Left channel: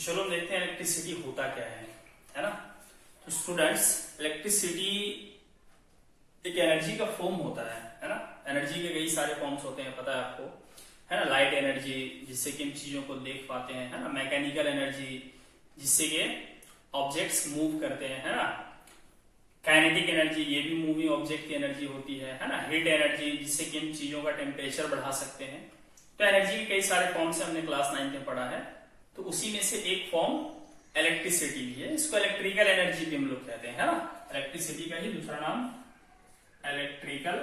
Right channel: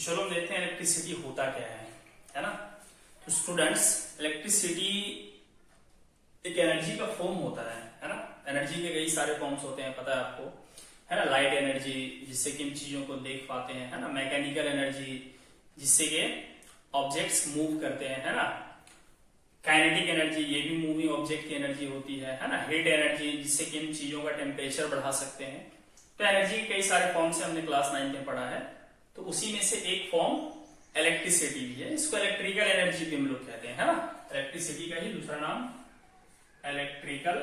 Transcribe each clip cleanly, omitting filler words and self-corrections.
चलो देखते हैं इलेक्ट्रिसिटी होता क्या है ना। तो स्टूडेंट्स, इलेक्ट्रिसिटी एक एनर्जी का फॉर्म होता है ना। एनर्जी के कई सारे फॉर्म्स होते हैं, पता है आपको, है ना। लाइट एनर्जी, जिससे कि इन चीजों को देख पाते हैं, है ना। मैकेनिकल एनर्जी, जिससे कि ऑब्जेक्ट्स मूव करते हैं, है ना। काइनेटिक एनर्जी, ये भी मूविंग ऑब्जेक्ट की एनर्जी होती है ना। हीट एनर्जी, जिससे कि इन चीजों का टेम्परेचर बढ़ा सकते हैं। तो एनर्जी के कई सारे फॉर्म से हमने क्लास 9 में पढ़ा है। तो उसी में से एक फॉर्म इलेक्ट्रिसिटी भी है। इसको इलेक्ट्रिकल एनर्जी भी हम लोग कहते हैं, है ना। इलेक्ट्रिसिटी का ही दूसरा नाम इलेक्ट्रिकल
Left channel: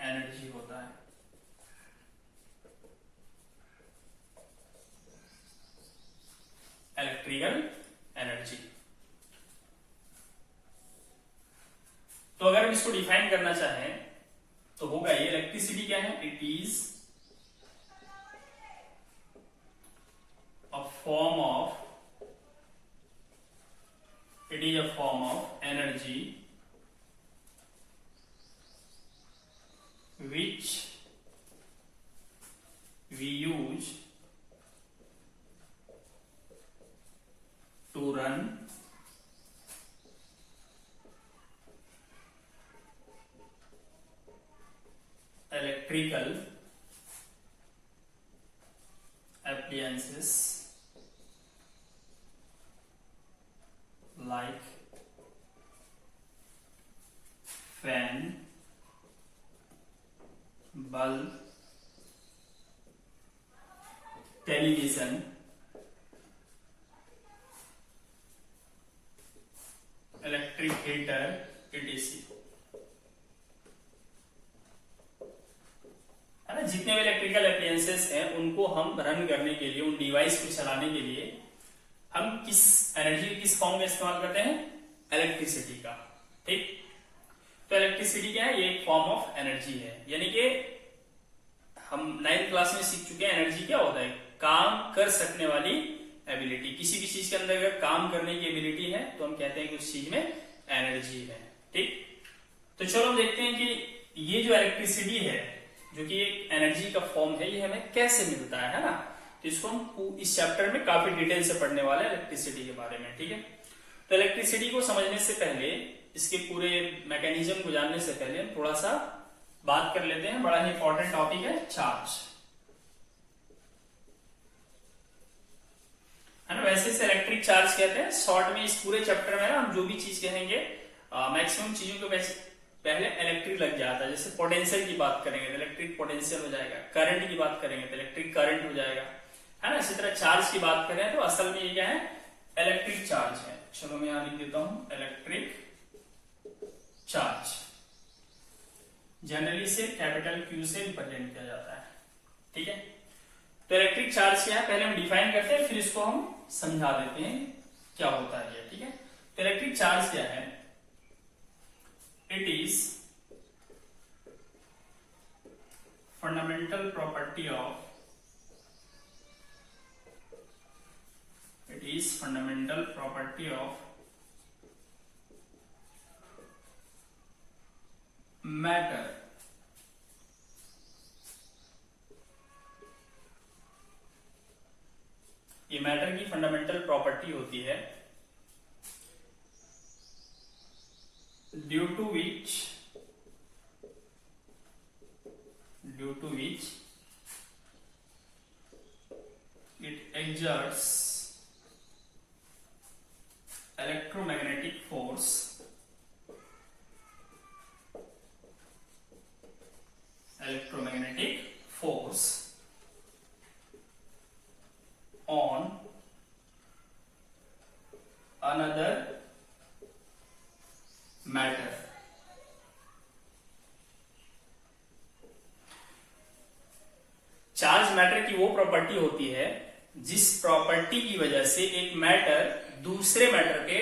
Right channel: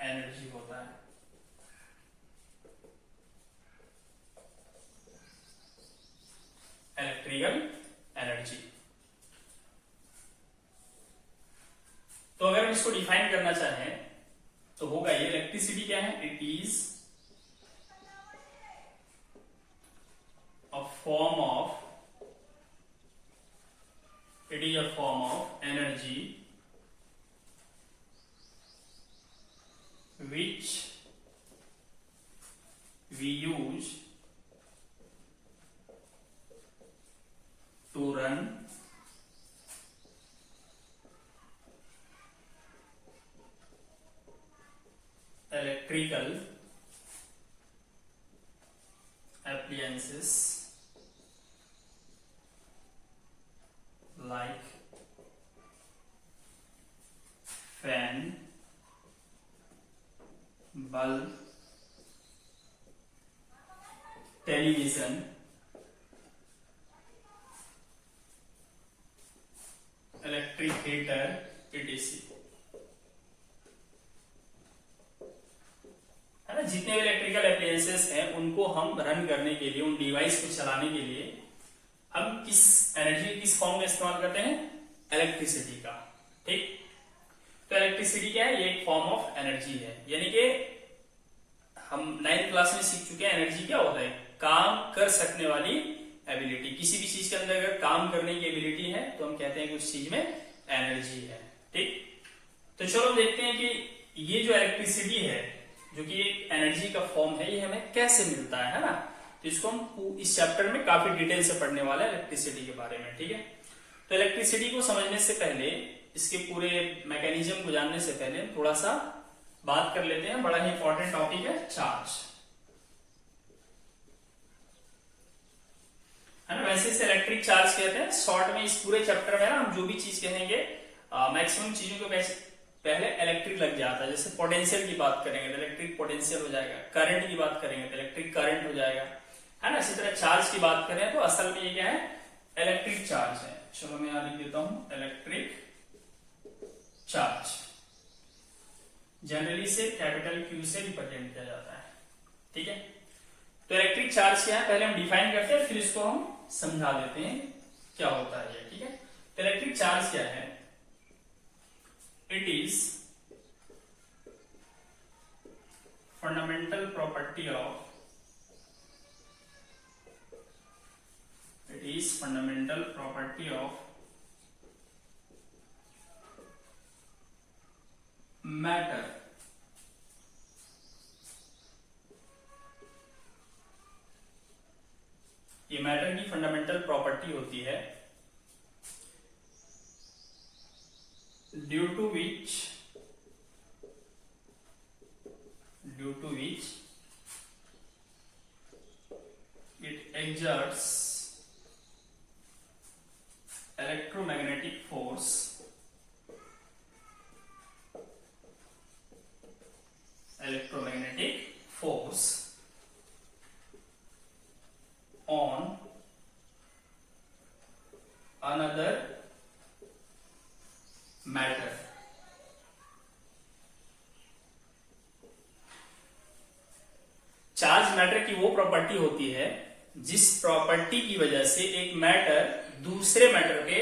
एनर्जी होता है। Electrical energy. तो अगर हम इसको डिफाइन करना चाहें तो होगा ये, इलेक्ट्रिसिटी क्या है, it is a form of energy which we use to run electrical appliances like fan, bulb, television, electric heater, etc. है ना। जितने भी इलेक्ट्रिकल एप्लायंसेस हैं उनको हम रन करने के लिए, उन डिवाइस को चलाने के लिए हम किस एनर्जी, किस फॉर्म में इस्तेमाल करते हैं, इलेक्ट्रिसिटी का। ठीक, तो इलेक्ट्रिसिटी क्या है, ये एक फॉर्म ऑफ एनर्जी है। यानी कि हम 9th क्लास में सीख चुके हैं एनर्जी क्या होता है, काम कर सकने वाली एबिलिटी। किसी भी चीज के अंदर अगर काम करने की एबिलिटी है तो हम कहते हैं कि उस चीज में एनर्जी है। ठीक, तो चलो देखते हैं कि ये जो इलेक्ट्रिसिटी है, जो कि एक एनर्जी का फॉर्म है, ये हमें कैसे मिलता है ना। तो इसको हम इस चैप्टर में काफी डिटेल से पढ़ने वाले हैं इलेक्ट्रिसिटी के बारे में। ठीक है, तो इलेक्ट्रिसिटी को समझने से पहले, इसके पूरे मैकेनिज्म को जानने से पहले थोड़ा सा बात कर लेते हैं। बड़ा ही इंपॉर्टेंट टॉपिक है चार्ज, है ना। वैसे इसे इलेक्ट्रिक चार्ज कहते हैं। शॉर्ट में इस पूरे चैप्टर में ना हम जो भी चीज कहेंगे, मैक्सिमम चीजों को पहले इलेक्ट्रिक लग जाता है। जैसे पोटेंशियल की बात करेंगे तो इलेक्ट्रिक पोटेंशियल हो जाएगा, करंट की बात करेंगे तो इलेक्ट्रिक करंट हो जाएगा, है ना। इसी तरह चार्ज की बात करें तो असल में ये क्या है, इलेक्ट्रिक चार्ज है। चलो मैं यहां लिख देता हूं, इलेक्ट्रिक चार्ज। जनरली से कैपिटल क्यू से रिप्रेजेंट किया जाता है। ठीक है, तो इलेक्ट्रिक चार्ज क्या है पहले हम डिफाइन करते हैं, फिर इसको हम समझा देते हैं क्या होता है ये। ठीक है, तो इलेक्ट्रिक चार्ज क्या है, it is fundamental property of matter ये मैटर की फंडामेंटल प्रॉपर्टी होती है, due to which it exerts electromagnetic force on another matter। Charge matter की वो प्रॉपर्टी होती है जिस प्रॉपर्टी की वजह से एक मैटर दूसरे मैटर पे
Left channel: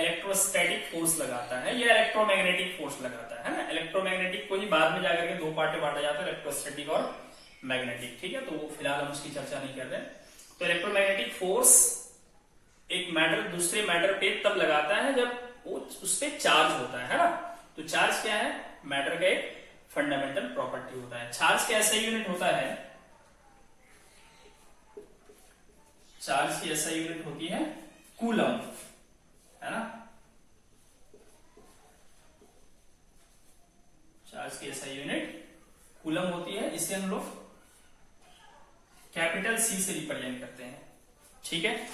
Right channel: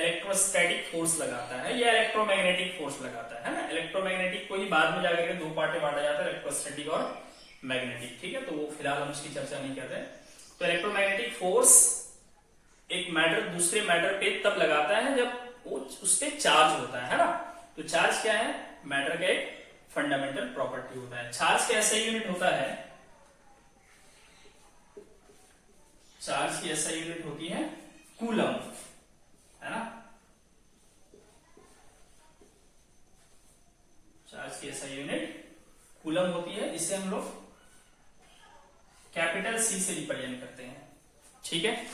इलेक्ट्रोस्टैटिक फोर्स लगाता है या इलेक्ट्रोमैग्नेटिक फोर्स लगाता है ना। इलेक्ट्रोमैग्नेटिक को ही बाद में जाकर के दो पार्ट में बांटा जाता है, इलेक्ट्रोस्टैटिक और मैग्नेटिक। ठीक है, तो वो फिलहाल हम इसकी चर्चा नहीं कर रहे। तो इलेक्ट्रोमैग्नेटिक फोर्स एक मैटर दूसरे मैटर पे तब लगाता है जब वो उस पर चार्ज होता है ना। तो चार्ज क्या है, मैटर का एक फंडामेंटल प्रॉपर्टी होता है। चार्ज का ऐसा यूनिट होता है चार्ज की एसआई यूनिट होती है कूलम, है ना। चार्ज की एसआई यूनिट कूलम होती है, इसे हम लोग कैपिटल सी से रिप्रेजेंट करते हैं, ठीक है।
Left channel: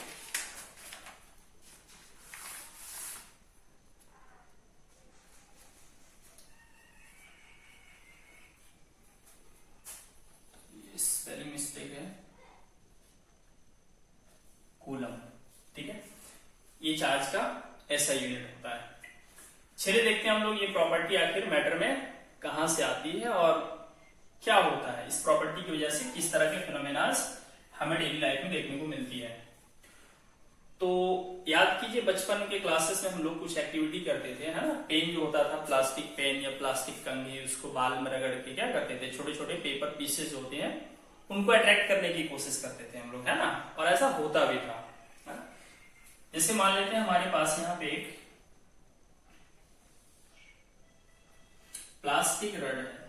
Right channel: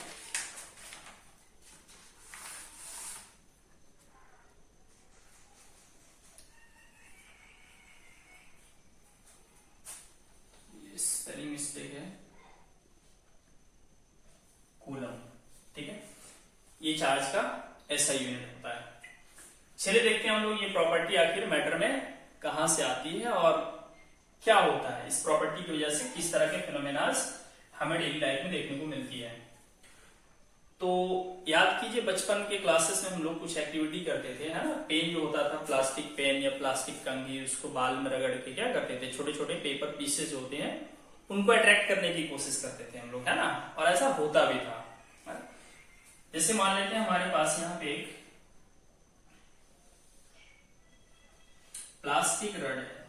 स्पेलिंग मिस्टेक है, कूलम, ठीक है। ये चार्ज का एसआई यूनिट होता है। चलिए देखते हैं हम लोग ये प्रॉपर्टी आखिर मैटर में कहां से आती है और क्या होता है, इस प्रॉपर्टी की वजह से किस तरह के फिनोमेनास हमें डेली लाइफ में देखने को मिलती है। तो याद कीजिए बचपन के क्लासेस में हम लोग कुछ एक्टिविटी करते थे, है ना। पेन जो होता था, प्लास्टिक पेन या प्लास्टिक कंघी, उसको बाल में रगड़ के क्या करते थे, छोटे छोटे पेपर पीसेस जो होते हैं उनको अट्रैक्ट करने की कोशिश करते थे हम लोग, है ना। और ऐसा होता भी था। जैसे मान लेते हैं हमारे पास यहाँ पे एक प्लास्टिक रड है,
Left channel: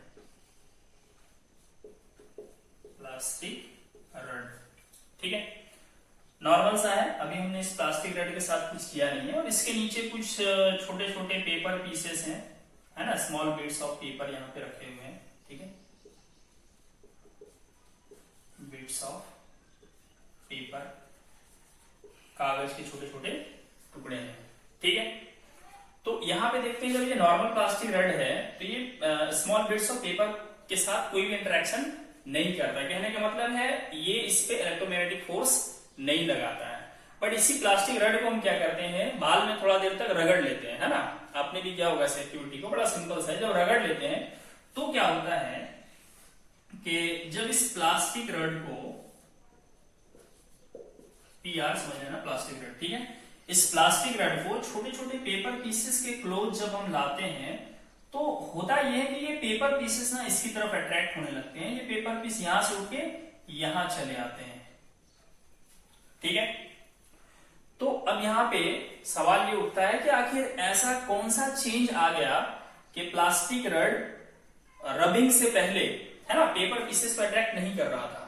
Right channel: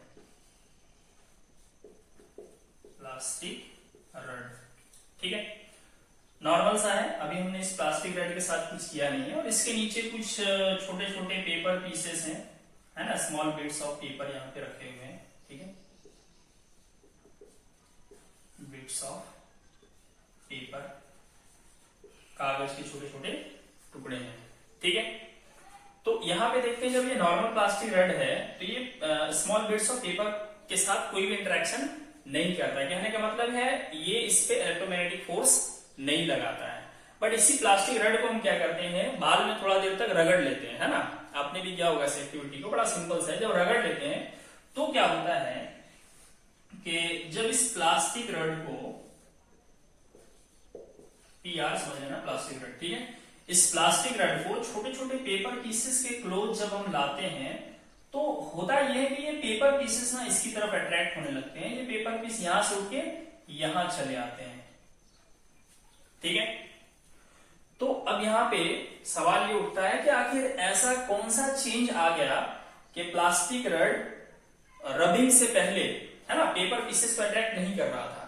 प्लास्टिक रड, ठीक है, नॉर्मल सा है। अभी हमने इस प्लास्टिक रड के साथ कुछ किया नहीं है और इसके नीचे कुछ छोटे छोटे पेपर पीसेस हैं, है ना, स्मॉल बिट्स ऑफ पेपर यहाँ पे रखे हुए हैं, ठीक है, बिट्स ऑफ पेपर, कागज के छोटे छोटे टुकड़े हैं, ठीक है। तो यहाँ पे देखते हैं जब ये नॉर्मल प्लास्टिक रड है तो ये स्मॉल बिट्स ऑफ पेपर के साथ कोई भी इंटरेक्शन नहीं करता। कहने का मतलब है ये इस पे इलेक्ट्रोमैग्नेटिक फोर्स नहीं लगाता है। बट इसी प्लास्टिक रड को हम क्या करते हैं, बाल में थोड़ा देर तक रगड़ लेते हैं, है ना। आपने भी किया होगा इस एक्टिविटी को, बड़ा सिंपल सा है। जब रगड़ लेते हैं तो क्या होता है कि जब इस प्लास्टिक रड को, PR समझ लेना, प्लास्टिक रड, ठीक है, इस प्लास्टिक रड को छोटे छोटे पेपर पीसेस के क्लोज जब हम लाते हैं तो होता यह है कि ये पेपर पीसेस ना इसकी तरफ अट्रैक्ट होने लगते हैं। ये पेपर पीस यहां से उठ के यहां चले आते हैं, ठीक है। तो अब यहां पे सवाल ये उठता है कि आखिर ऐसा कौन सा चेंज आ गया कि प्लास्टिक रड रबिंग से पहले, है ना, पेपर पीसेस को अट्रैक्ट नहीं कर रहा था,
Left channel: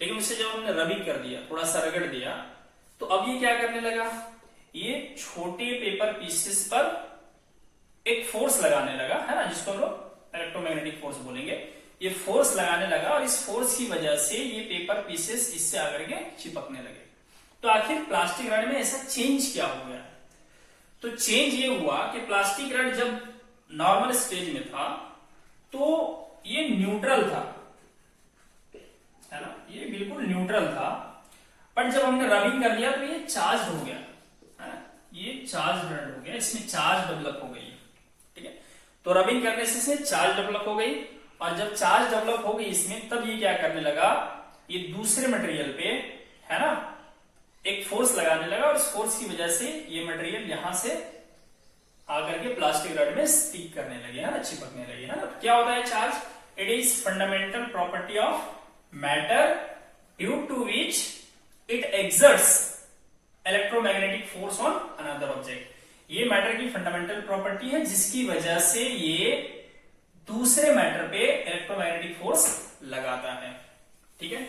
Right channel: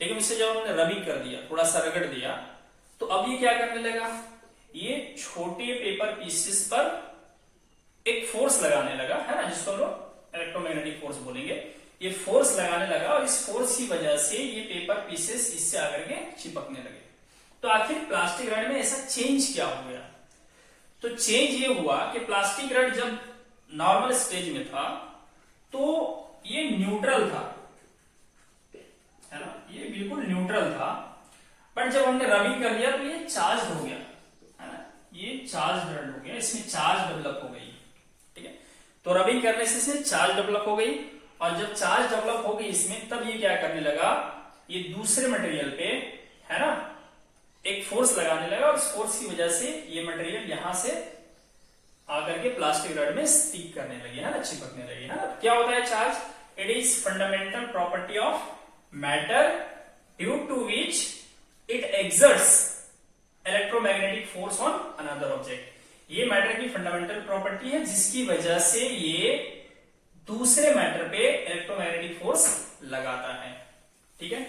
लेकिन उससे जब हमने रबिंग कर दिया, थोड़ा सा रगड़ दिया, तो अब ये क्या करने लगा, ये छोटे पेपर पीसेस पर एक फोर्स लगाने लगा, है ना, जिसको हम लोग इलेक्ट्रोमैग्नेटिक फोर्स बोलेंगे। ये फोर्स लगाने लगा और इस फोर्स की वजह से ये पेपर पीसेस इससे आकर के चिपकने लगे। तो आखिर प्लास्टिक रड में ऐसा चेंज क्या हो गया? तो चेंज ये हुआ कि प्लास्टिक रड जब नॉर्मल स्टेज में था तो ये न्यूट्रल था, है ना, ये बिल्कुल न्यूट्रल था। बट जब हमने रबिंग कर लिया तो ये चार्ज हो गया, है ना, ये चार्ज रड हो गया, इसमें चार्ज डेवलप हो गई, ठीक है। तो रबिंग करने से इसमें चार्ज डेवलप हो गई और जब चार्ज डेवलप हो गई इसमें, तब ये क्या करने लगा, ये दूसरे मटेरियल पे, है ना, एक फोर्स लगाने लगा और उस फोर्स की वजह से ये मटेरियल यहां से आकर के प्लास्टिक रड में स्टिक करने लगे, है ना, चिपकने लगे, है ना। क्या होता है charge? It is fundamental property of matter due to which it exerts electromagnetic force on another object. ये मैटर की फंडामेंटल प्रॉपर्टी है जिसकी वजह से ये दूसरे मैटर पे इलेक्ट्रोमैग्नेटिक फोर्स लगाता है, ठीक है।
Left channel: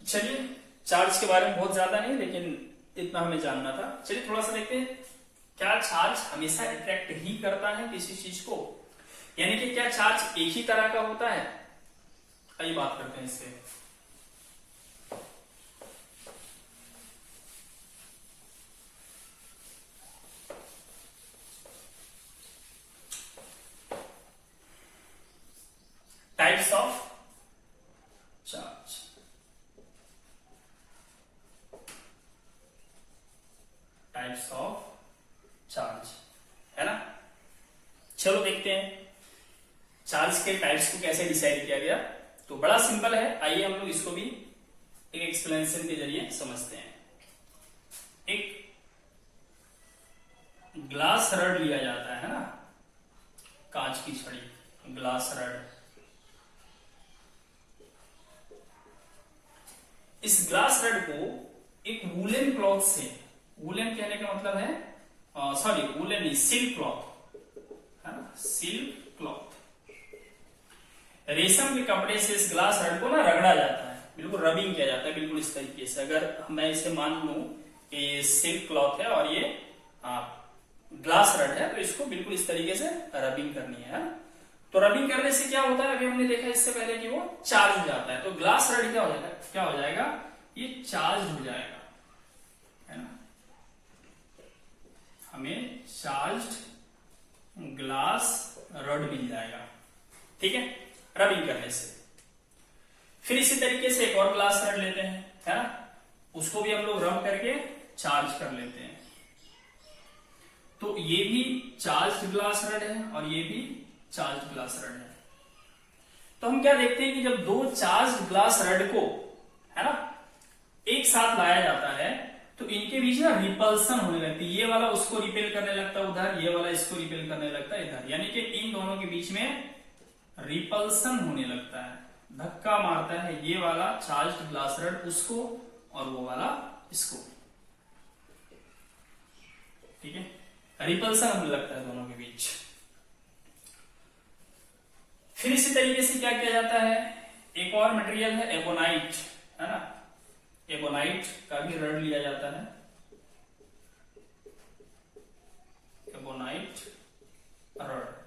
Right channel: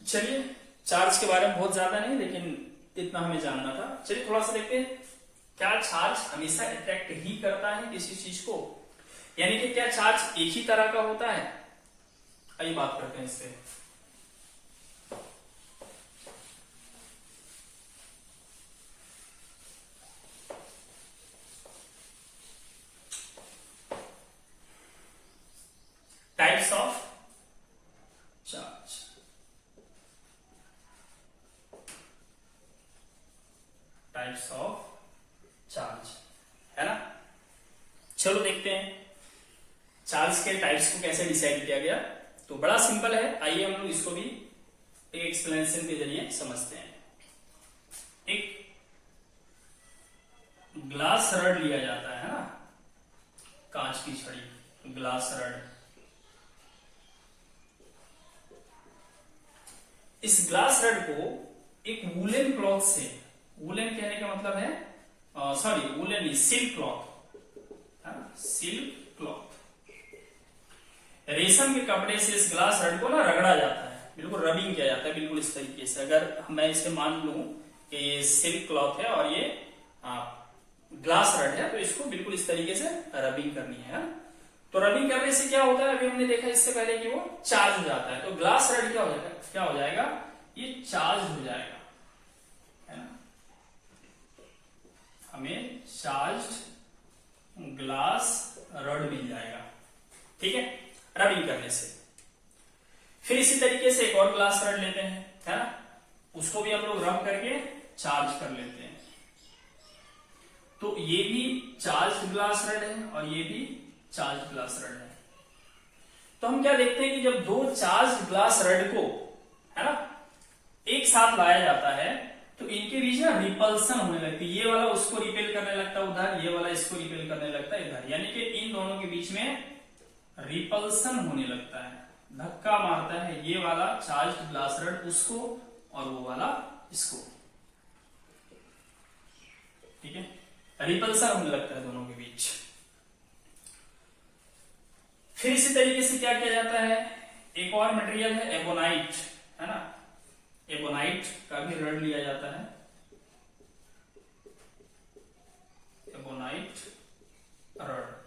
चलिए, चार्ज के बारे में बहुत ज्यादा नहीं, लेकिन इतना हमें जानना था। चलिए थोड़ा सा देखते हैं, क्या चार्ज हमेशा अट्रैक्ट ही करता है किसी चीज को, यानी कि क्या चार्ज एक ही तरह का होता है? आइए बात करते हैं इससे। Types of charge, types of charge, है ना। चलो देखते हैं चार्ज के टाइप्स को कैसे डिसाइड किया गया। तो बड़ा सिंपल है, आइए हम लोग इसको भी एक एक्सप्लेनेशन के जरिए समझते हैं। एक ग्लास रड लिया जाता है ना, कांच की छड़ी, ग्लास रड। इस ग्लास रड को एक वूलन क्लॉथ से, वूलन कहने का मतलब है सॉरी वूलन नहीं, सिल्क क्लॉथ, है ना, सिल्क क्लॉथ, रेशम के कपड़े से इस ग्लास रड को ना रगड़ा जाता है, बिल्कुल रबिंग किया जाता है, बिल्कुल इस तरीके से। अगर मैं इसे मान लूं कि सिल्क क्लॉथ है और ये ग्लास रड है, तो इसको बिल्कुल इस तरीके से रबिंग करनी है ना। तो रबिंग करने से क्या होता है, अभी हमने देखा इससे पहले कि वो चार्ज हो जाता है। तो ग्लास रड क्या हो जाएगा, ये चार्ज हो जाएगा, है ना। हमें चार्ज ग्लास रड मिल जाएगा, ठीक है, रबिंग करने से। फिर इसी तरीके से एक और ग्लास रड लेते हैं, है ना, उसको भी हम लोग रब करके चार्ज कर लेते हैं। तो ये भी चार्ज ग्लास रड है और ये भी चार्ज ग्लास रड है। तो हम क्या देखते हैं कि जब दो चार्ज ग्लास रड को, है ना, एक साथ लाया जाता है तो इनके बीच में रिपल्सन होने लगती है। ये वाला उसको रिपेल करने लगता है उधर, ये वाला इसको रिपेल करने लगता है इधर, यानी कि इन दोनों के बीच में रिपल्सन होने लगता है, धक्का मारता है ये वाला चार्ज ग्लास रड उसको और वो वाला इसको, ठीक है, रिपल्सन होने लगता है दोनों के बीच। फिर इसी तरीके से क्या किया जाता है, एक और मटेरियल है एबोनाइट, है ना, एबोनाइट का भी रड लिया जाता है, एबोनाइट रड।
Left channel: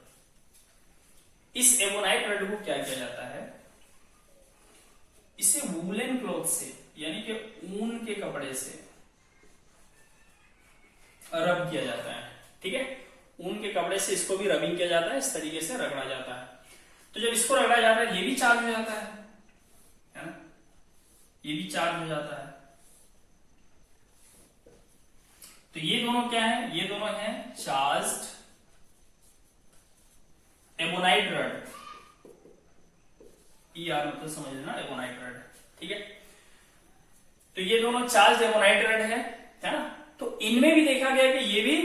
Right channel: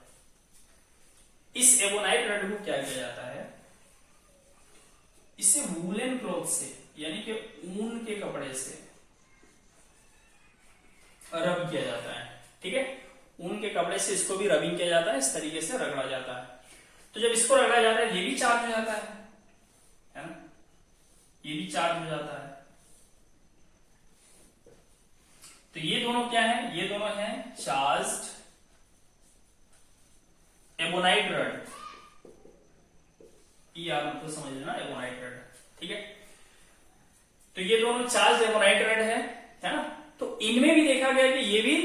इस एबोनाइट रड को क्या किया जाता है, इसे वूलन क्लॉथ से यानी कि ऊन के कपड़े से रब किया जाता है, ठीक है, ऊन के कपड़े से इसको भी रबिंग किया जाता है, इस तरीके से रगड़ा जाता है। तो जब इसको रगड़ा जाता है ये भी चार्ज हो जाता है ना, ये भी चार्ज हो जाता है। तो ये दोनों क्या है, ये दोनों हैं चार्ज्ड एबोनाइट रड, यार मतलब समझ लेना एबोनाइट रड, ठीक है। तो ये दोनों चार्ज एबोनाइट रड है ना। तो इनमें भी देखा गया कि ये भी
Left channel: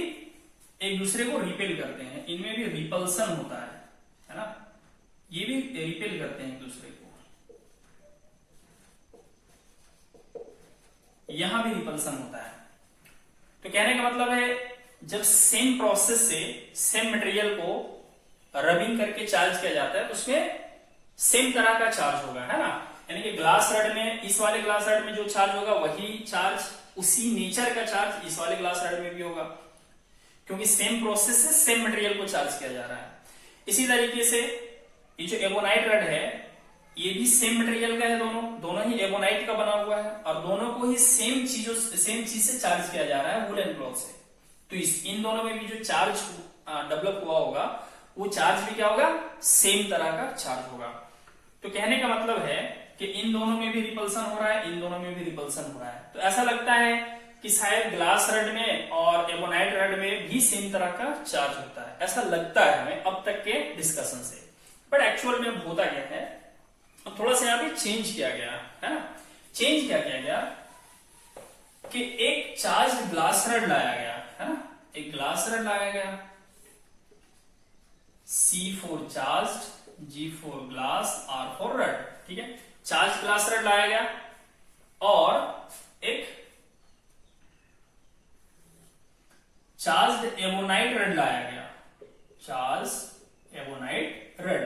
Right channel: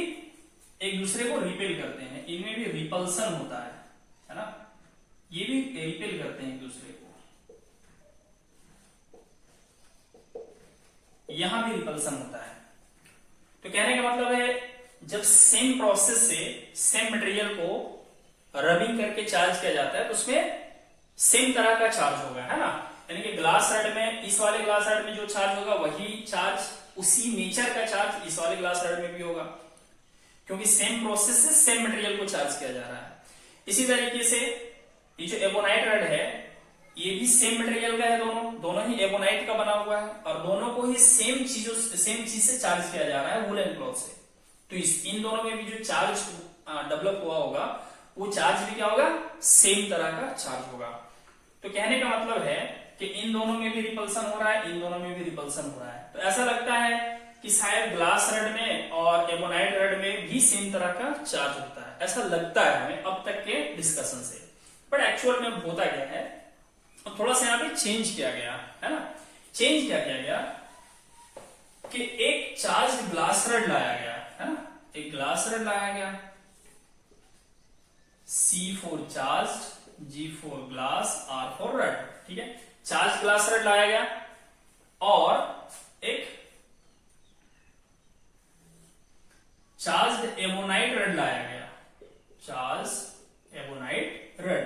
एक दूसरे को रिपेल करते हैं, इनमें भी रिपल्सन होता है ना, ये भी रिपेल करते हैं एक दूसरे को, यहां भी रिपल्सन होता है। तो कहने का मतलब है जब सेम प्रोसेस से सेम मटेरियल को रबिंग करके चार्ज किया जाता है तो उसमें सेम तरह का चार्ज होगा, है ना। यानी कि ग्लास रड में, इस वाले ग्लास रड में जो चार्ज होगा वही चार्ज, उसी नेचर का चार्ज इस वाले ग्लास रड में भी होगा, क्योंकि सेम प्रोसेस से सेम मटेरियल को चार्ज किया जा रहा है। इसी तरीके से ये जो एबोनाइट रड है ये भी सेम मटेरियल का है, दोनों ही एबोनाइट का बना हुआ है और दोनों को ही सेम चीज से चार्ज किया जा रहा है वुलन क्लॉथ से। तो इन दोनों में भी जो चार्ज डेवलप हुआ होगा वो चार्ज भी क्या होगा, सेम तरह का चार्ज होगा। तो कहने का मतलब है कि इन दोनों में भी रिपल्सन हो रहा है, इन दोनों में भी रिपल्सन हो रहा है। तो ऐसा लगता है कि शायद ग्लास रड में और एबोनाइट रड में भी सेम तरह का चार्ज होता है, ऐसा लगता है हमें अब तक के डिस्कशन से। बट एक्चुअल में होता क्या है, थोड़ा सा यहाँ पे चेंज किया गया है ना। चेंज क्या किया गया कि एक चार्ज ग्लास रड लाया गया, है ना, एक ग्लास रड लाया गया, C for charged, G for glass, R for rod, ठीक है। चार्ज ग्लास रड लाया गया और एक चार्ज एबोनाइट रड लाया गया, चार्ज एबोनाइट रड।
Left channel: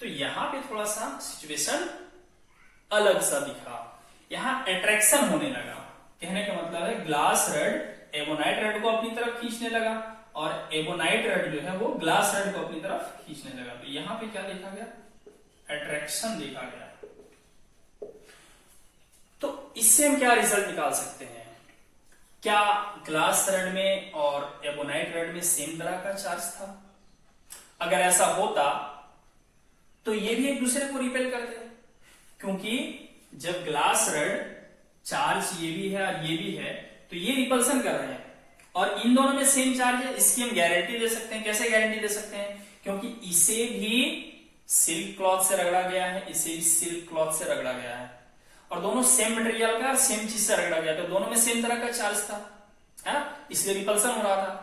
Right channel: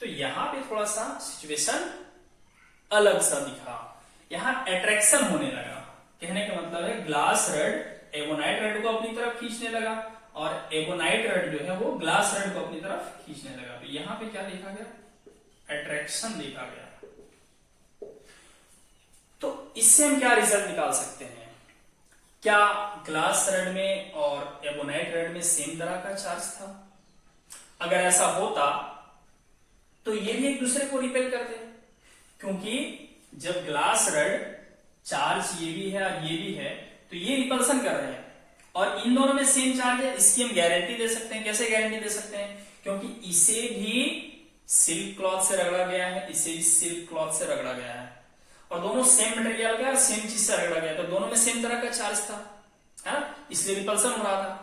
तो यहां पे थोड़ा सा सिचुएशन अलग सा दिखा, यहां अट्रैक्शन होने लगा। कहने का मतलब है ग्लास रड एबोनाइट रड को अपनी तरफ खींचने लगा और एबोनाइट रड जो है वो ग्लास रड को अपनी तरफ खींचने लगा। तो यहां पे क्या देखा गया, अट्रैक्शन देखा गया। तो इससे हम क्या रिजल्ट निकाल सकते हैं, क्या ग्लास रड में और एबोनाइट रड में सेम तरह का चार्ज था? अगर ऐसा होता तो ये भी एक दूसरे को रिपेल करते, क्योंकि जब ग्लास रड चार्ज ये भी है और ये भी है तो ये रिपल्सन कर रहे हैं और इन दोनों में सेम चार्ज है। इसकी हम गारंटी दे सकते हैं। कैसे गारंटी दे सकते हैं, क्योंकि इसे भी सिल्क क्लॉथ से रगड़ा गया है, इसे भी सिल्क क्लॉथ से रगड़ा गया है और दोनों सेम मटेरियल का सेम चीज से रगड़ा गया, तो दोनों में सेम तरह का चार्ज था, है ना, इसलिए रिपल्सन हो रहा था।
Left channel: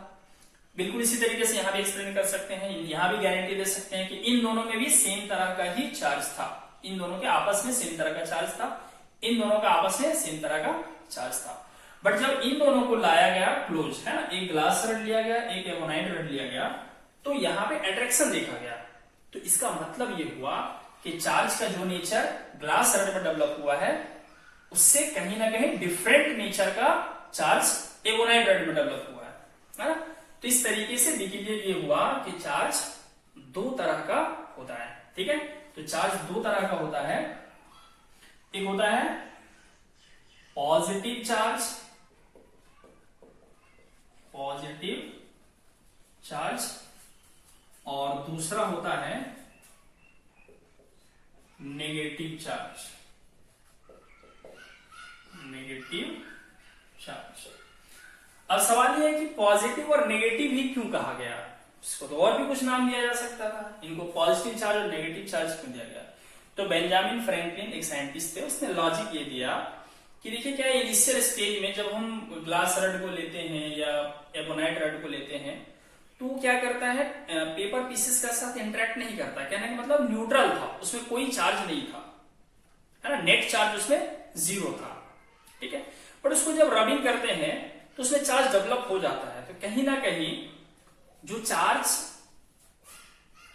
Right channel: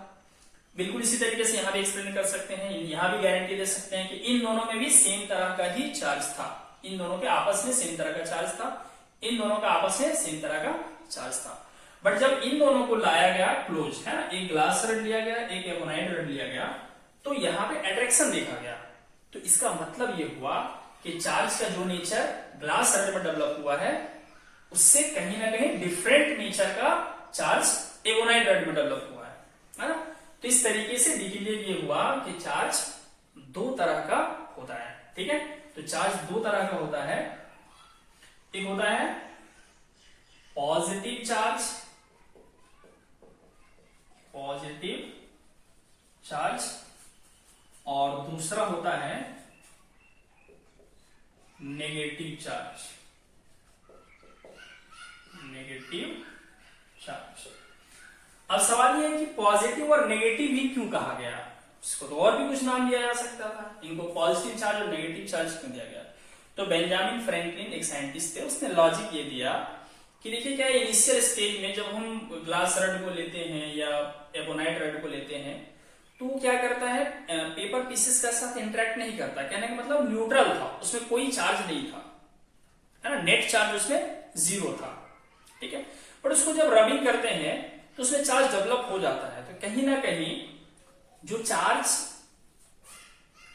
बिल्कुल इसी तरीके से यहां भी एक्सप्लेन कर सकते हैं, यहां भी गारंटी दे सकते हैं कि इन दोनों में भी सेम तरह का ही चार्ज था, इन दोनों के आपस में सेम तरह का चार्ज था, इन दोनों का आपस में सेम तरह का चार्ज था। बट जब इन दोनों को लाया गया क्लोज, है ना, एक ग्लास रड लिया गया, एक एबोनाइट रड लिया गया, तो यहां पे अट्रैक्शन देखा गया। तो इसका मतलब ये हुआ कि चार्ज का जो नेचर ग्लास रड में डेवलप हुआ है उससे कहीं ना कहीं डिफरेंट नेचर का चार्ज एवोनाइट रड में डेवलप हुआ है ना। तो इस तरीके से डिक्लेयर ये हुआ कि चार्ज दो तरह का होता है, ठीक है। तो चार्ज दो तरह का होता है, एक होता है पॉजिटिव चार्ज, और दूसरा होता है नेगेटिव चार्ज। अब सवाल यह है कि पॉजिटिव और नेगेटिव ही क्यों कहा गया, इसको तो और भी कुछ नाम दिया जा सकता था, इनको पॉजिटिव चार्ज और नेगेटिव चार्ज क्यों दिया गया। तो बेंजामिन फ्रैंकलिन एक साइंटिस्ट थे, उसने लॉजिक ये दिया कि देखिए क्या इनिशियल स्टेज में जब हम ग्लास रड को लेते हैं या एबोनाइट रड को लेते हैं तो क्या करता है, पेपर पीसेस के साथ इंटरेक्ट नहीं करता, कहने का मतलब न्यूट्रल था, उसमें कोई चार्ज नहीं था, है ना, नेट चार्ज उसमें 0 था, ठीक है। पर उसको जब रबिंग करते हैं तो उसमें चार्ज डेवलप हो जाता है। तो कहीं ना कहीं जो चार्ज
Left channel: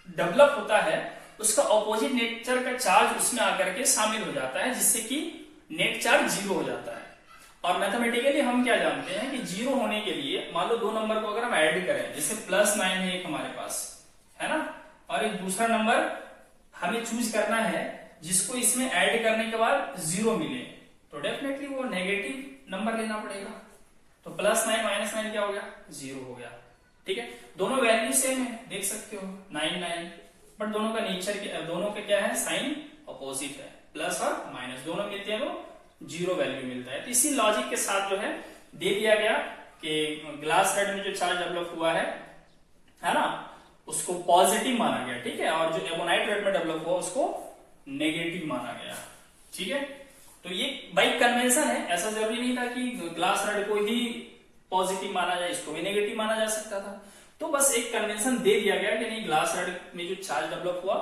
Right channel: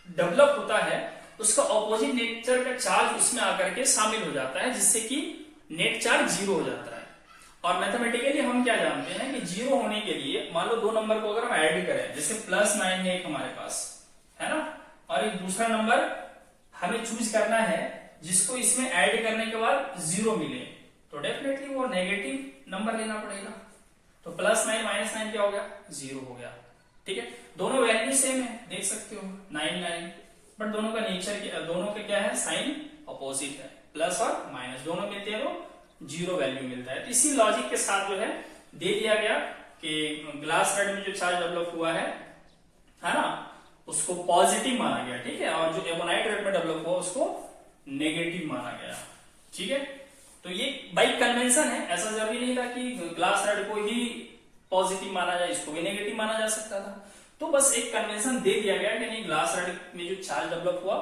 डेवलप होता है उसका ऑपोजिट नेचर का चार्ज उसमें आकर के शामिल हो जाता है, जिससे कि नेट चार्ज 0 हो जाता है। और मैथमेटिकली हम क्या जानते हैं कि 0 होने के लिए मान लो दो नंबर को अगर हम ऐड करें, जैसे +9 है एक हमारे पास, है ना, और एक दूसरा नंबर हमें चूज करना है जिसको इसमें ऐड करने के बाद 0 मिले, तो डेफिनेटली वो नेगेटिव नंबर लेना पड़ेगा। तो +9 -9 क्या हो गया, 0 हो गया, ठीक है। दोनों वैल्यू सेम है, देख सकते हो 9 9, बट दोनों का नेचर, दोनों का क्या है, साइन अपोजिट है, प्लस और माइनस दोनों मिलते हैं तो 0 वैल्यू मिलता है। तो इसी लॉजिक के साथ जो है दे दिया गया कि ग्लास रड में जो चार्ज डेवलप हुआ है ना, उसको पॉजिटिव माना गया, ठीक है, और जो एबोनाइट रड में डेवलप हुआ उसको नेगेटिव माना गया, ठीक है। तो ये बाई कन्वेंशन है, ऐसा जरूरी नहीं था कि ग्लास रड को ही पॉजिटिव माना जाए, इसको भी नेगेटिव माना जा सकता था। तो बस एक कन्वेंशन दे दिया गया कि नहीं, ग्लास रड में जो चार्ज डेवलप हुआ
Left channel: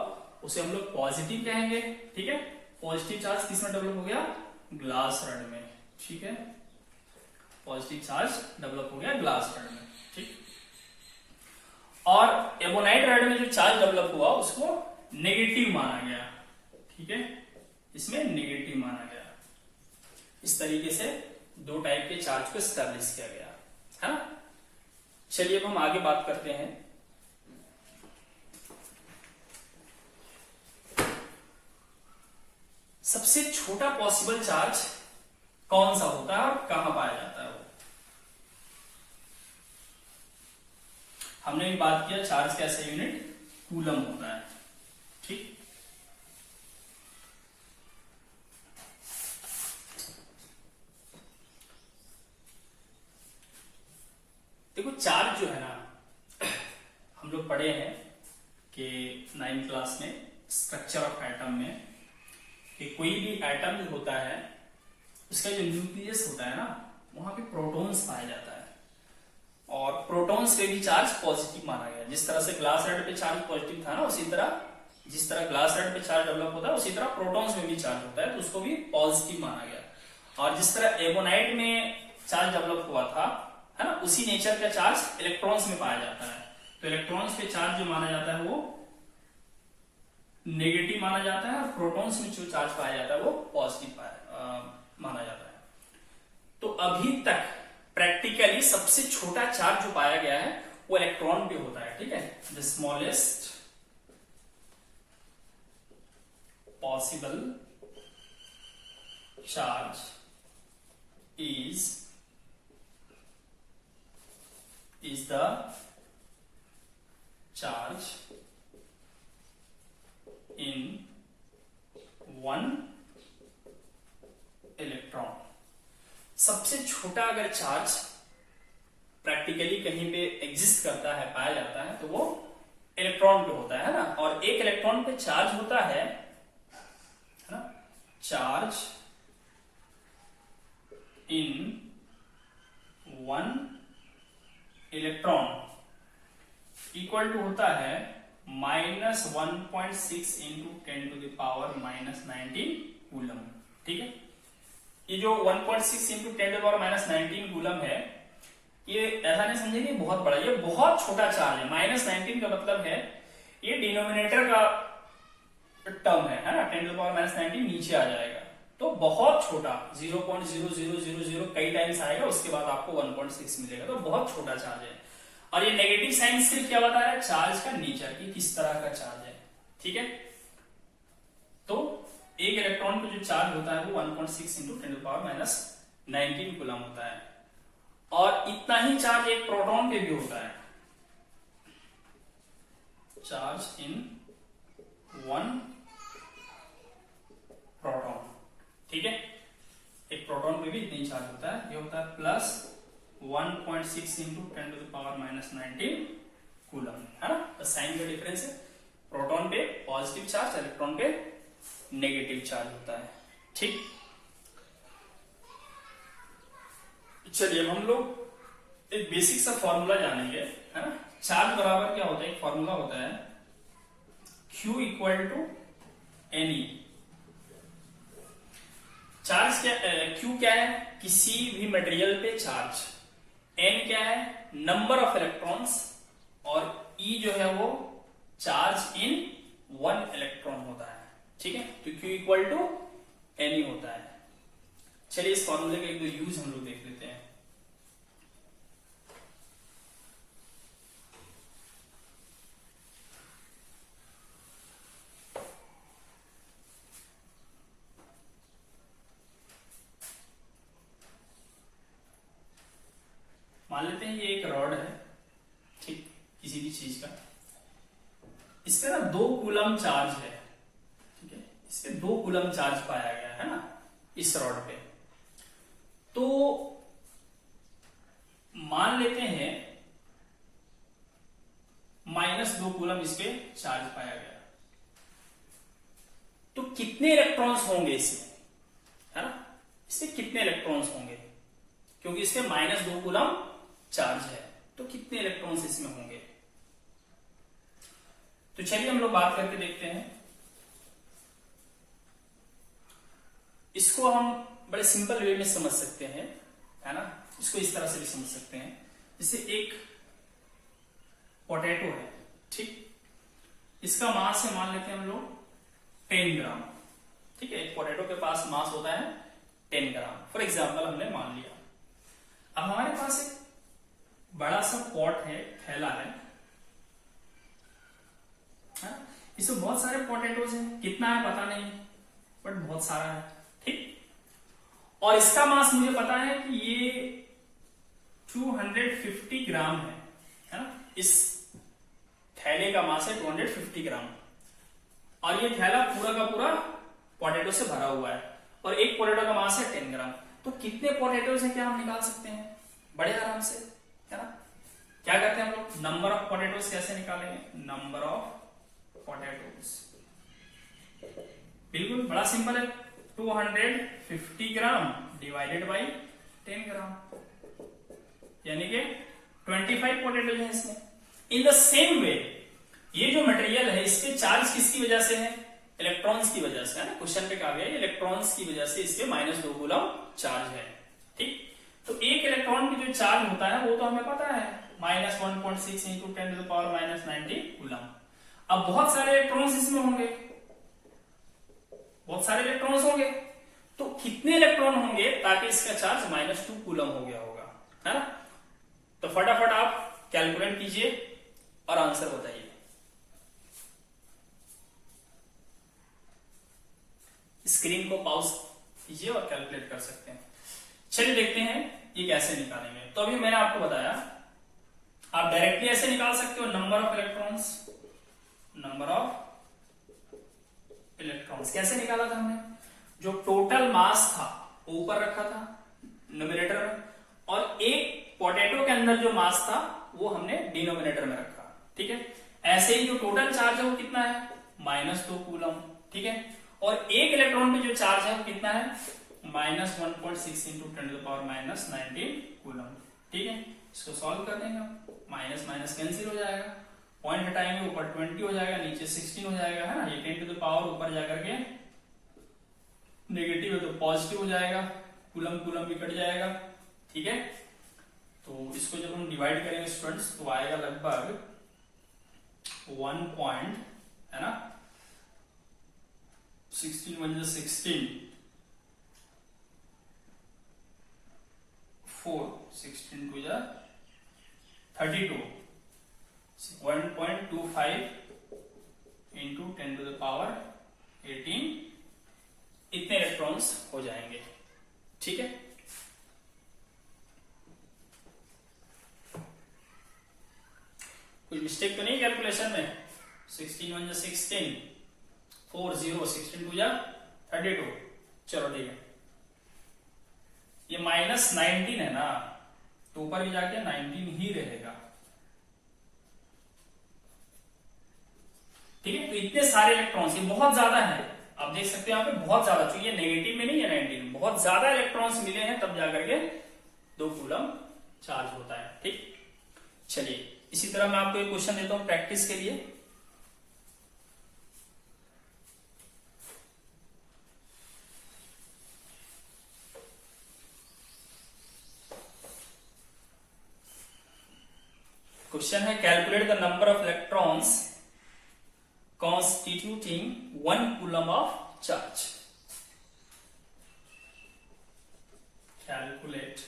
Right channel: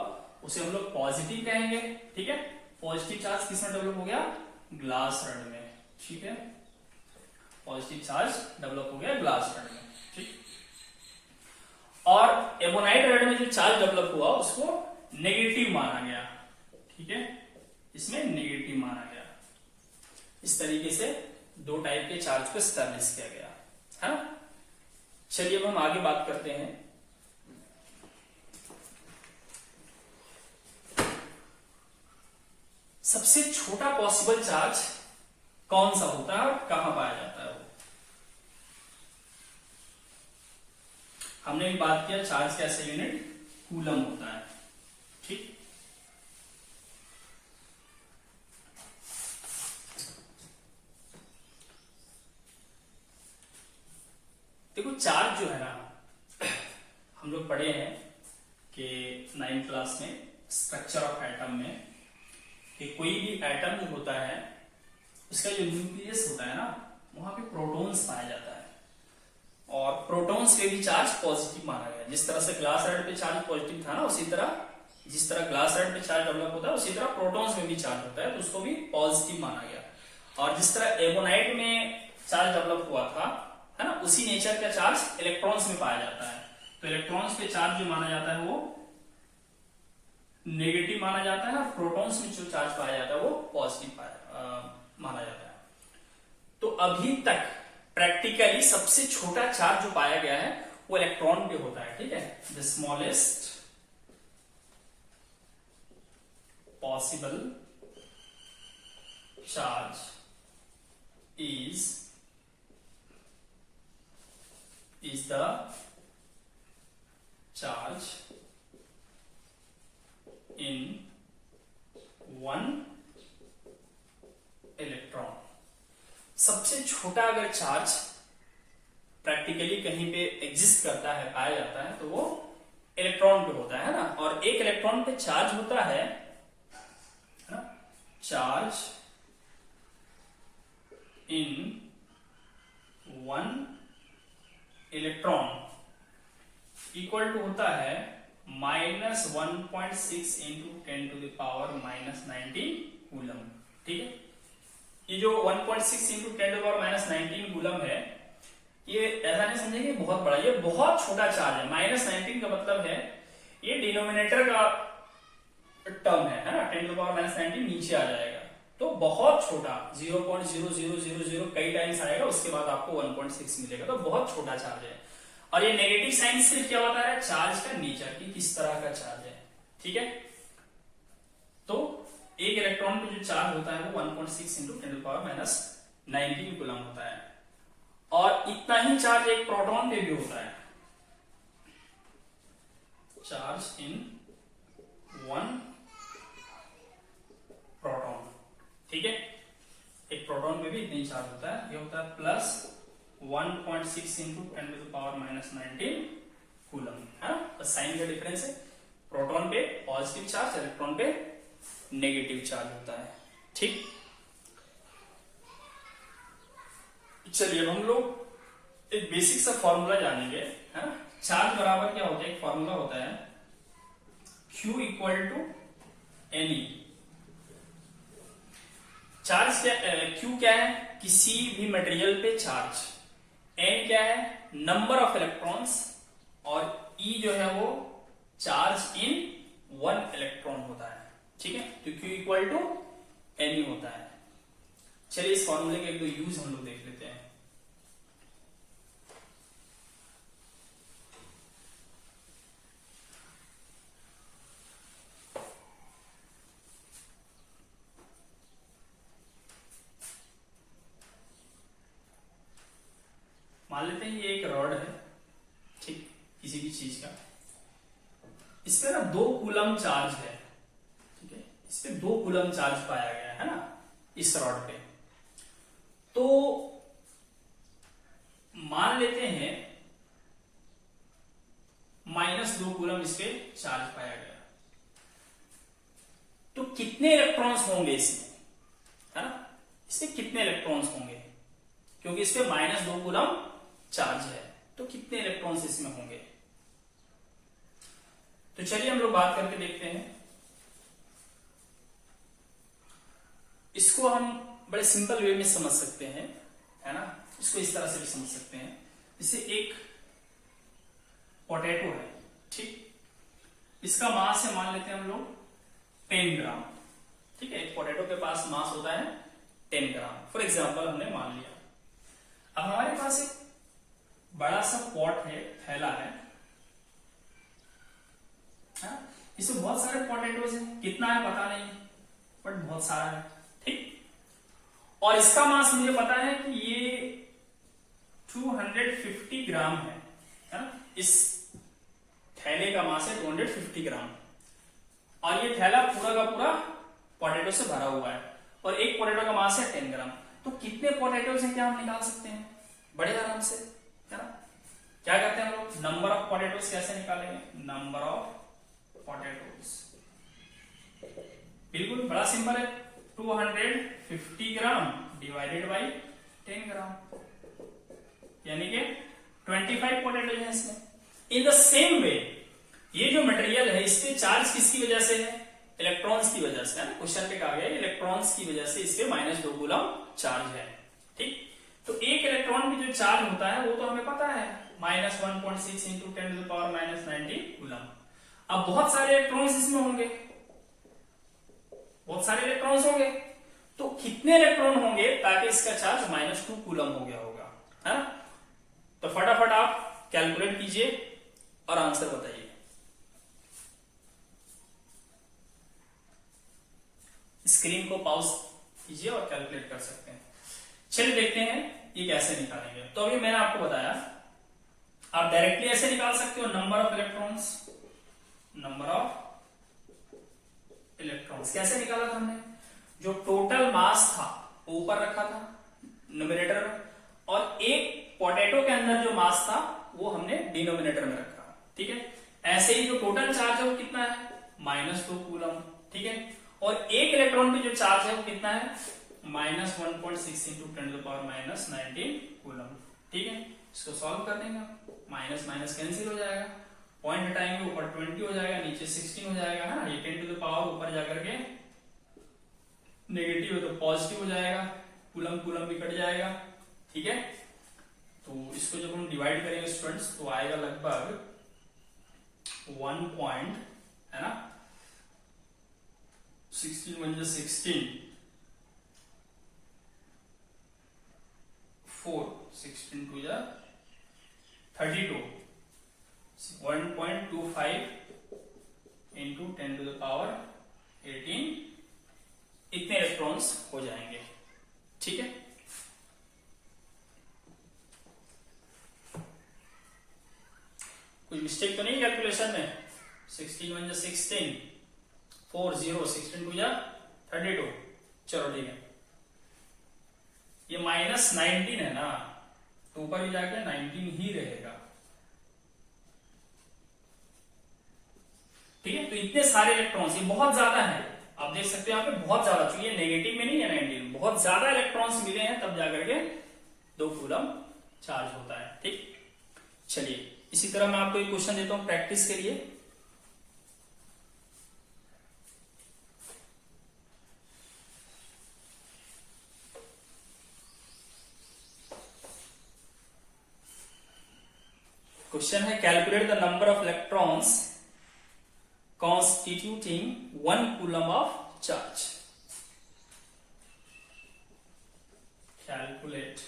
उसे हम लोग पॉजिटिव कहेंगे, ठीक है। पॉजिटिव चार्ज किसमें डेवलप हो गया, ग्लास रड में, ठीक है, पॉजिटिव चार्ज डेवलप हो गया ग्लास रड में, ठीक। और एबोनाइट रड में जो चार्ज डेवलप हुआ उसको नेगेटिव माना गया, ठीक है, इसमें नेगेटिव माना गया। इस तरीके से दो टाइप के चार्ज को एस्टैब्लिश किया गया, है ना। चलिए अब हम आगे बात करते हैं। सबसे छोटा पॉसिबल चार्ज कौन सा होता है और कहां पाया जाता है वो। हमने भी बात किया चार्ज का ऐसा यूनिट कूलम होता है, ठीक। देखो चार्ज जो है ना, हम लोग पढ़े हैं कि 9th क्लास में स्ट्रक्चर ऑफ एटम में कि कोई भी एटम जो होता है उसका जो न्यूक्लियस होता है ना, वहां पे प्रोटॉन्स पाया जाता है, और प्रोटॉन्स पे भी चार्ज पॉजिटिव माना गया। जिस तरह से ग्लास रड पे चार्ज पॉजिटिव था ना, उसी तरह जिस तरह ग्लास रड पे चार्ज डेवलप होता है उसी तरह प्रोटॉन्स में भी चार्ज होता है, तो उसको भी पॉजिटिव माना गया। और जिस तरह एबोनाइट में चार्ज डेवलप हुआ था, है ना, उसी नेचर का चार्ज इलेक्ट्रॉन्स में पाया जाता है। तो इलेक्ट्रॉन्स पे चार्ज जो माना जाता है वो नेगेटिव माना जाता है, और प्रोटॉन्स में जो चार्ज पाया जाता है वो पॉजिटिव माना जाता है। तो अभी तक प्रैक्टिकली सबसे छोटा चार्ज जो पाया गया है वो इलेक्ट्रॉन पे होता है, ठीक है। The smallest possible charge is the charge in one electron। सबसे छोटा अगर चार्ज प्रैक्टिकली कहीं पे एग्जिस्ट करता है, पाया जाता है, तो वो इलेक्ट्रॉन पे होता है ना। और एक इलेक्ट्रॉन पे चार्ज होता है ना, charge in one electron equal to होता है -1.6 इंटू 10⁻⁻19 कूलम, ठीक है। ये जो 1.6 इंटू 10⁻⁻19 कूलम है, ये ऐसा नहीं समझेंगे बहुत बड़ा, ये बहुत छोटा चार्ज है। -19 का मतलब है ये डिनोमिनेटर का टर्म है ना, 10⁻⁻19 नीचे आ जाएगा, तो बहुत छोटा 0.0000 कई टाइम्स आएगा, उसके बाद आपको 1.6 मिलेगा, तो बहुत छोटा चार्ज है। और ये नेगेटिव साइन से क्या बता रहा है, चार्ज का नेचर की किस तरह का चार्ज है, ठीक है। तो एक इलेक्ट्रॉन पे जो चार्ज होता है वो 1.6 इंटू 10⁻⁻19 कूलम होता है, और इतना ही चार्ज एक प्रोटॉन पे भी होता है, चार्ज इन 1 प्रोटॉन, ठीक है। एक प्रोटॉन पे भी इतना ही चार्ज होता है, ये होता है प्लस 1.6 इंटू 10⁻⁻19 कूलम, है ना। बस साइन का डिफरेंस है, प्रोटॉन पे पॉजिटिव चार्ज, इलेक्ट्रॉन पे नेगेटिव चार्ज होता है, ठीक। चलिए अब हम लोग एक बेसिक सा फॉर्मूला जानेंगे, है ना। चार्ज बराबर क्या होता है, एक फॉर्मूला होता है Q equal to NE। Charge क्या, Q क्या है, किसी भी मटेरियल पे चार्ज, N क्या है, नंबर ऑफ इलेक्ट्रॉन्स, और E जो है वो चार्ज इन 1 इलेक्ट्रॉन होता है, ठीक है। तो Q इक्वल टू NE होता है। चलिए इस फॉर्मूले के एक दो यूज हम लोग देख लेते हैं। मान लेते हैं ये एक रॉड है, ठीक, किसी भी चीज का, इस पे ना 2 कूलम चार्ज है, ठीक है, इस पे 2 कूलम चार्ज पाया गया है ना इस रॉड पे। तो मान लेते हैं -2 कूलम इस पे चार्ज पाया गया, तो कितने इलेक्ट्रॉन्स होंगे इसमें, है ना, इसमें कितने इलेक्ट्रॉन्स होंगे, क्योंकि इस पे -2 कूलम चार्ज है, तो कितने इलेक्ट्रॉन्स इसमें होंगे। तो चलिए हम लोग बात करके देखते हैं। इसको हम बड़े सिंपल वे में समझ सकते हैं, है ना, इसको इस तरह से भी समझ सकते हैं, जैसे एक पोटैटो है, ठीक, इसका मास है मान लेते हैं हम लोग 10 ग्राम, ठीक है। एक पोटैटो के पास मास होता है 10 ग्राम, फॉर एग्जाम्पल हमने मान लिया। अब हमारे पास एक बड़ा सा पॉट है, थैला है, इसमें बहुत सारे पोटैटोज हैं, कितना है पता नहीं, बट बहुत सारा है, ठीक। और इसका मास मुझे पता है कि ये 250 ग्राम है ना, इस थैले का मास है 250 ग्राम, और ये थैला पूरा का पूरा पोटैटो से भरा हुआ है, और एक पोटैटो का मास है 10 ग्राम। तो कितने पोटैटोज हैं क्या हम निकाल सकते हैं बड़े आराम से, है ना। क्या करते हैं हम लोग, नंबर ऑफ पोटैटोज कैसे निकालेंगे, नंबर ऑफ पोटैटोज, बिल्कुल बड़ा सिंपल है, 250 ग्राम डिवाइडेड बाई 10 ग्राम, यानी कि 25 पोटैटोज हैं इसमें। इन द सेम वे ये जो मटेरियल है इस पे चार्ज किसकी वजह से है, इलेक्ट्रॉन्स की वजह से, है ना, क्वेश्चन पे कहा गया है इलेक्ट्रॉन्स की वजह से इस पे -2 कूलम चार्ज है, ठीक। तो एक इलेक्ट्रॉन पे जो चार्ज होता है वो तो हमें पता है -1.6 इंटू 10⁻⁻19 कूलम। अब बहुत सारे इलेक्ट्रॉन्स इसमें होंगे, बहुत सारे इलेक्ट्रॉन्स होंगे, तो कितने इलेक्ट्रॉन होंगे ताकि इसका चार्ज -2 कूलम हो गया होगा, है ना। तो फटाफट आप कैलकुलेट कीजिए और आंसर बताइए। स्क्रीन को पॉज कीजिए और कैलकुलेट कर सकते हैं। चलिए देखते हैं ये कैसे निकालेंगे। तो अभी मैंने आपको बताया आप डायरेक्टली ऐसे निकाल सकते हो, number of electrons, number of electrons कैसे निकाला था हमने, जो टोटल मास था ऊपर रखा था न्यूमरेटर में, और एक पोटैटो के अंदर जो मास था वो हमने डिनोमिनेटर में रखा, ठीक है। ऐसे ही जो टोटल चार्ज है वो कितना है, -2 कूलम, ठीक है। और एक इलेक्ट्रॉन पे जो चार्ज है वो कितना है, -1.6 इंटू 10⁻⁻19 कूलम, ठीक है। इसको सॉल्व कर देंगे आप, माइनस माइनस कैंसिल हो जाएगा, पॉइंट हटाएंगे ऊपर 20 हो जाएगा, नीचे 16 हो जाएगा, है ना। ये 10⁻⁴ ऊपर जाकर के नेगेटिव है तो पॉजिटिव हो जाएगा, कूलम कूलम भी कट जाएगा, ठीक है। तो इसको जब हम डिवाइड करेंगे स्टूडेंट्स तो आएगा लगभग 1 पॉइंट, है ना, 16 1 16, 4, 16 2 32, 1.25 इंटू 10 टू द पावर 18, इतने इलेक्ट्रॉन्स हो जाएंगे। ठीक है, कोई मिस्टेक तो नहीं कैलकुलेशन में? 16 1 16, 4 0, 16 2 32, चलो ठीक है। ये -19 है ना, तो ऊपर ही जाके 19 ही रहेगा। ठीक है, तो इतने सारे इलेक्ट्रॉन्स, ये बहुत ज्यादा है, आप देख सकते हैं यहाँ पे बहुत ज्यादा, चूंकि नेगेटिव में नहीं है 19, बहुत ज्यादा इलेक्ट्रॉन्स मिले हैं तब जाकर के 2 कूलम चार्ज होता है। ठीक, चलिए इसी तरह मैं आपको एक क्वेश्चन देता हूं प्रैक्टिस के लिए। क्वेश्चन है calculate the number of electrons constituting 1 coulomb of charge. Calculate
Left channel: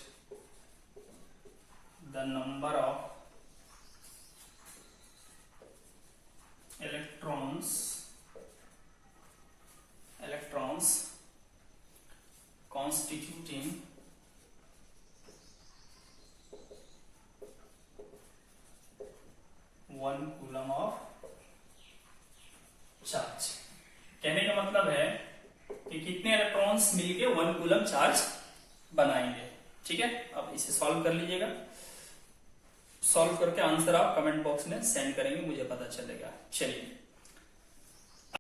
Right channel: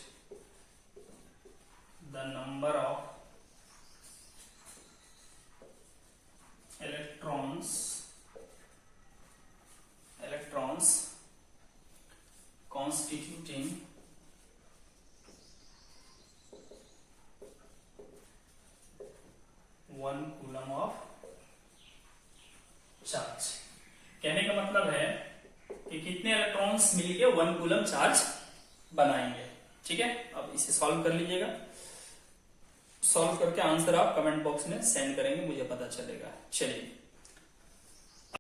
the number of electrons constituting 1 coulomb of charge. कहने का मतलब है कि कितने इलेक्ट्रॉन्स मिलके 1 कूलम चार्ज बनाएंगे। ठीक है, अब इसे सॉल्व कर लीजिएगा। सॉल्व करके आंसर आप कमेंट बॉक्स में सेंड करेंगे, मुझे पता चलेगा। चलिए